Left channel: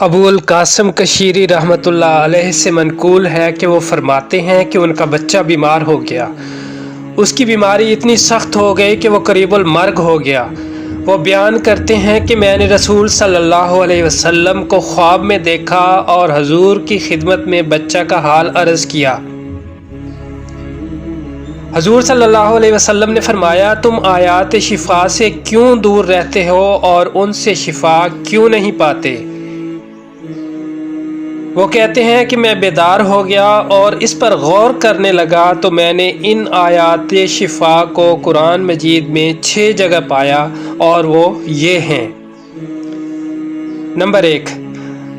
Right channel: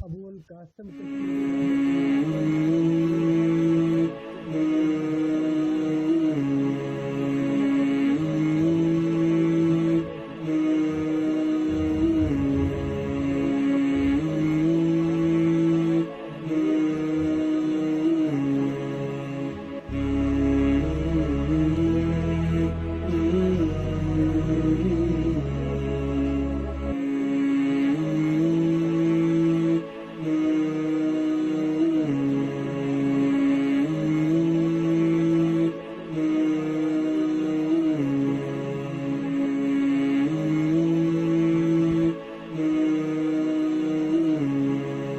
ابو القاسم کشیری رحمۃ اللہ علیہ سے منقول ہے کہ وہ فرماتے ہیں کہ ان کا بچہ بیمار ہو گیا۔ اس کی بیماری اتنی سخت ہو گئی کہ وہ قریب المرگ ہو گیا۔ وہ بیان کرتے ہیں کہ میں نے رسول صلی اللہ علیہ وسلم کو خواب میں دیکھا اور حضور کی خدمت میں بچہ کا حال عرض کیا۔ حضور صلی اللہ علیہ وسلم نے فرمایا، تم آیات شفا سے کیوں دور رہتے ہو اور ان سے شفا کیوں نہیں پاتے؟ وہ کہتے ہیں کہ میں بیدار ہو گیا اور اس پر غور کرنے لگا تو میں نے ان آیات شفا کو قرآن مجید میں 6 جگہ پایا، اور وہ یہ ہیں۔ نمبر 1،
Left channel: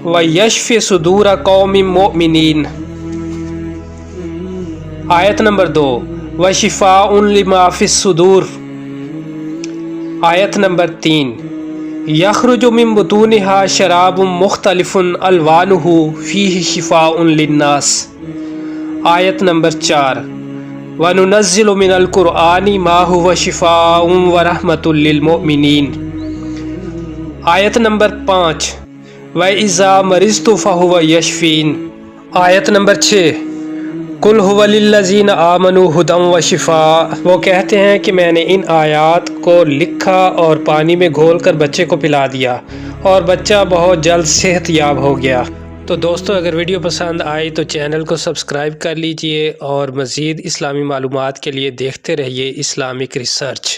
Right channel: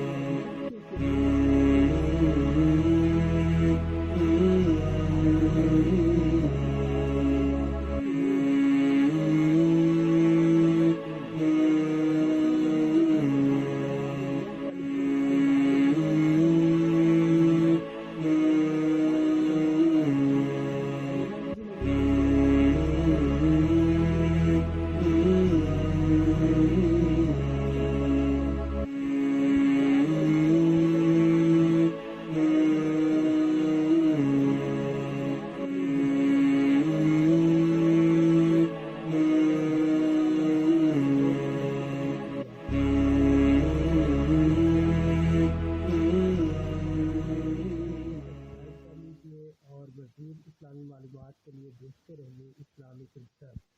وَيَشْفِ صُدُورَ قَوْمٍ مُؤْمِنِينَ۔ آیت نمبر 2، وَشِفَاءٌ لِمَا فِي الصُّدُورِ۔ آیت نمبر 3، یخرج من بطونها شراب مختلف الوانہ فیہ شفاء للناس۔ آیت نمبر 4، وننزل من القرآن ما هو شفاء ورحمۃ للمؤمنین۔ آیت نمبر 5، وَإِذَا مَرِضْتُ فَهُوَ یشفین۔ آیت نمبر 6، قُلْ هُوَ لِلَّذِينَ آمَنُوا هُدًى وَشِفَاء۔ وہ کہتے ہیں کہ میں نے ان آیات کو لکھا اور پانی میں گھول کر بچے کو پلا دیا، اور بچہ بہت جلد صحت یاب ہو گیا۔ تو دوستو، اگر ویڈیو پسند آئی تو چینل کو سبسکرائب کر لیجئے، اور مزید اسلامی معلومات کے لیے دیکھتے رہیے اسلامک ریسرچ۔